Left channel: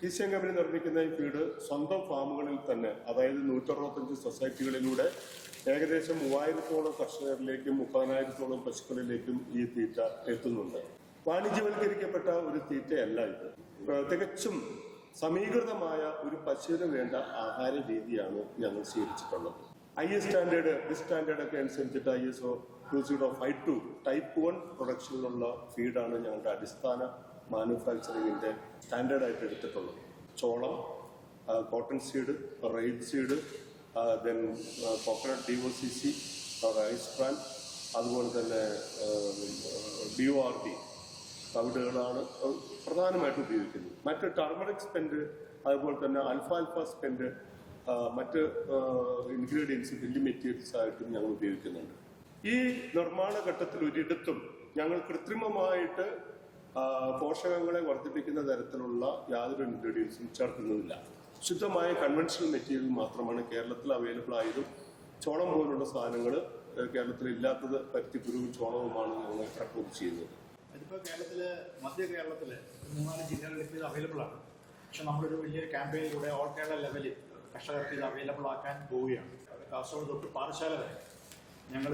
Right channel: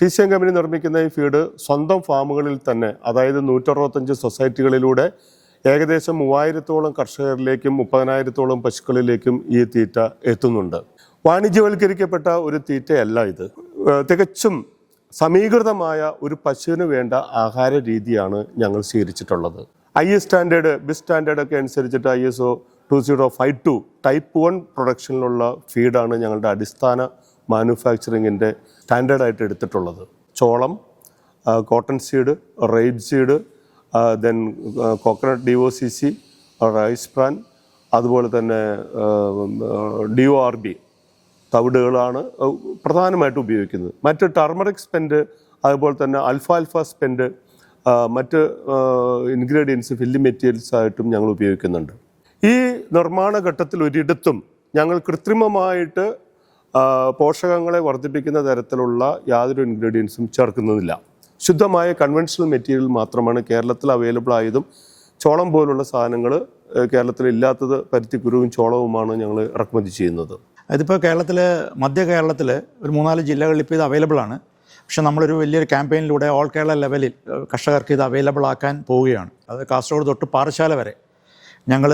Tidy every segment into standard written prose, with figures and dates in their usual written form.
TCM company നിർമ്മിക്കുന്ന ഈ feed സ്വന്തം ഫാമുകളിൽ തന്നെ, അതായത് 165 സൊസൈറ്റികളിലൂടെ ഏകദേശം 3000-ഓളം കർഷകരിലേക്കും 30,000-ഓളം പശുക്കളിലേക്കും ഈ തീറ്റ എത്തുന്നുണ്ട്. വാണിജ്യവൽക്കരിക്കപ്പെട്ട ഒരു തീറ്റയല്ല ഇത്. തികച്ചും സമീകൃതമായ ഒരു പശുവിന് വേണ്ട ആഹാര രീതിയാണ് ഞങ്ങൾ സ്വീകരിച്ചിട്ടുള്ളത്. IS സ്റ്റാൻഡേർഡ്, BIS സ്റ്റാൻഡേർഡ് ഒക്കെ അനുസരിച്ചിട്ട് ISO 2052 ടൈപ്പ് 1 പ്രൊഡക്ഷനിലുള്ള ഫീഡാണ് ഞങ്ങളുടെ അടിസ്ഥാന മാനുഫാക്ചറിങ്ങിൻ്റെ സ്റ്റാൻഡേർഡായിട്ട് എടുത്തിട്ടുള്ളത്. ചോളം, കോട്ടൺ സീഡ്, റൈഡ് seed, then coconut DOCC, rice bran, അതുപോലെ തന്നെ DORB തവിടുകളാണ് പ്രധാനമായിട്ട് ഉപയോഗിക്കുന്നത്. മറ്റ് ടർമറിക് സ്പെൻഡ്, അതുപോലെ തന്നെ അൽഫാൽഫ സ്പെൻഡ്, മറ്റ് ഇൻഗ്രീഡിയൻസ് ഫില്ലിംഗ് മെറ്റീരിയൽസ് ആയിട്ടും ഞങ്ങൾ ഉപയോഗിക്കുന്നുണ്ട്. ഈ നിർമ്മാണ ഘട്ടത്തിൽ ഒരിടത്തും ഞങ്ങൾ കൃത്രിമമായിട്ട് പോഷകങ്ങളെ വർദ്ധിപ്പിക്കുന്ന തരത്തിലുള്ള യാതൊരു ഇൻഗ്രീഡിയൻസും ചേർക്കുന്നില്ല. ശുദ്ധമായ കൺവെൻഷണൽ മെറ്റീരിയൽ മാത്രമാണ് കേരളത്തിൽ അവൈലബിൾ ആയതും. ചോളം പോലുള്ള സാധനങ്ങൾ കേരളത്തിൽ ഇല്ലാത്തത് പരുത്തിക്കുരുവും ചോളവുമാണ് ഞങ്ങൾ ഇറക്കുമതി ചെയ്യുന്നത്. ഇതിപ്പോൾ മധ്യ കേരളത്തിൽ ഒരു 3-4 ജില്ലകളിൽ ഇപ്പോൾ ഇത് അവൈലബിൾ ആണ്. പക്ഷെ നമ്മളൊരു വലിയൊരു ക്യാമ്പയിനിലൂടെ ഓൾ കേരള ലെവലിൽ കർഷകർക്ക് ഇത് അവൈലബിൾ ആക്കാൻ പോവുകയാണ്. അത് കാസർഗോഡ് തൊട്ട് പാറശാല വരെ ഞങ്ങൾ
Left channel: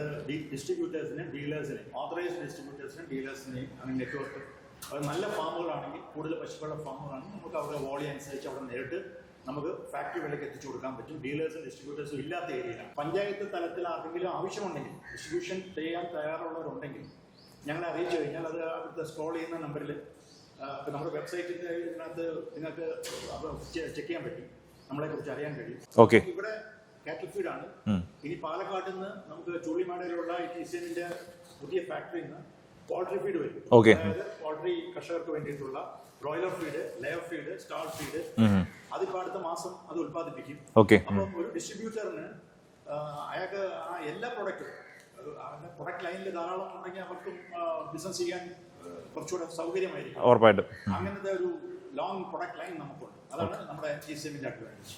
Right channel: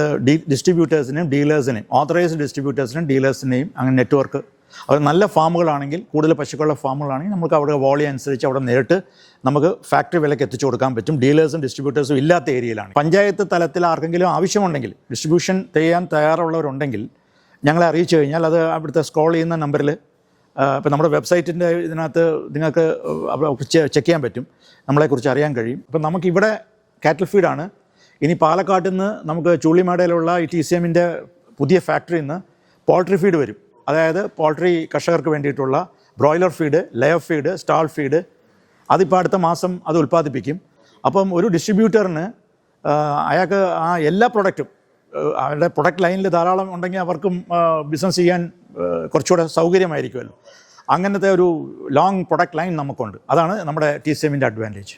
ഡിസ്ട്രിബ്യൂട്ടേഴ്സിനെയും ഡീലേഴ്സിനെയും, ഓതറൈസ്ഡ് ഡിസ്ട്രിബ്യൂട്ടേഴ്സിനെയും ഡീലേഴ്സിനെയും അങ്ങനെ നെറ്റ്വർക്ക്, അത് നല്ല ഫാമുകളാണെങ്കിൽ, കൂടുതൽ പശുക്കളുടെ ഫാമുകളാണെങ്കിൽ നമുക്ക് അവിടെ വോളിയം അനുസരിച്ച് അവിടെ നേരിട്ട് നമുക്ക് ഫാക്ടറി വിലയ്ക്ക് എത്തിച്ചു കൊടുക്കാൻ പറ്റും. ഡീലേഴ്സും ഡിസ്ട്രിബ്യൂട്ടേഴ്സും ഇല്ലാത്ത ഏരിയയിലാണ്. പഞ്ചായത്ത് തലത്തിൽ ആർക്കെങ്കിലും ആവശ്യമുണ്ടെങ്കിൽ, ഡിസ്ട്രിബ്യൂഷൻ ചെയ്യാൻ തയ്യാറുള്ളവരുണ്ടെങ്കിൽ ഞങ്ങളെ അറിയിച്ചു കഴിഞ്ഞാൽ അത് അവിടുത്തെ സ്ക്രോൾ ചെയ്യുന്ന നമ്പറിൽ, ഇപ്പോൾ നമ്മുടെ വെബ്സൈറ്റിൻ്റെ ഇതിനകത്ത് നിങ്ങൾക്ക് ചെക്ക് ചെയ്യാൻ പറ്റും, നമ്മളെക്കുറിച്ച് അറിയാൻ കഴിയും. അപ്പോൾ നമുക്കിവിടെ കാറ്റൽ ഫീഡാണ്. ഇനി പാലക്കാട്ടിൽ നിന്ന് നമുക്ക് ചുള്ളിമാടയിലുള്ള ഈ TCMൻ്റെ പുതിയ ഫാക്ടറിയിൽ നിന്ന് പോൾട്രി ഫീഡ് വരും. അതായത് പോൾട്രി കർഷകർക്ക് വേണ്ടിയിട്ടുള്ള broiler feed, layer feed, stall feed, അതിപ്പോൾ അടുത്ത മാസം അത് ഉൽപ്പാദിപ്പിക്കും. അപ്പം ഒരു ഡിസ്ട്രിബ്യൂട്ടറിന് അയാൾക്ക് ആ എല്ലാ പ്രൊഡക്റ്റും അവരുടെ പ്രൊഡക്റ്റ് ലൈനിൽ ധാരാളം ഉണ്ടെങ്കിൽ അവർക്കും ബിസിനസ് ചെയ്യാൻ കുറച്ചുകൂടെ സൗകര്യമായിരിക്കും. ഉറപ്പായിട്ടും അങ്ങനത്തെ ഒരു ലോങ് പ്രൊഡക്റ്റ് ലൈൻ നമുക്കുണ്ട്. അതാണ് നമ്മുടെ TCMൻ്റെ അഡ്വാൻറ്റേജ്.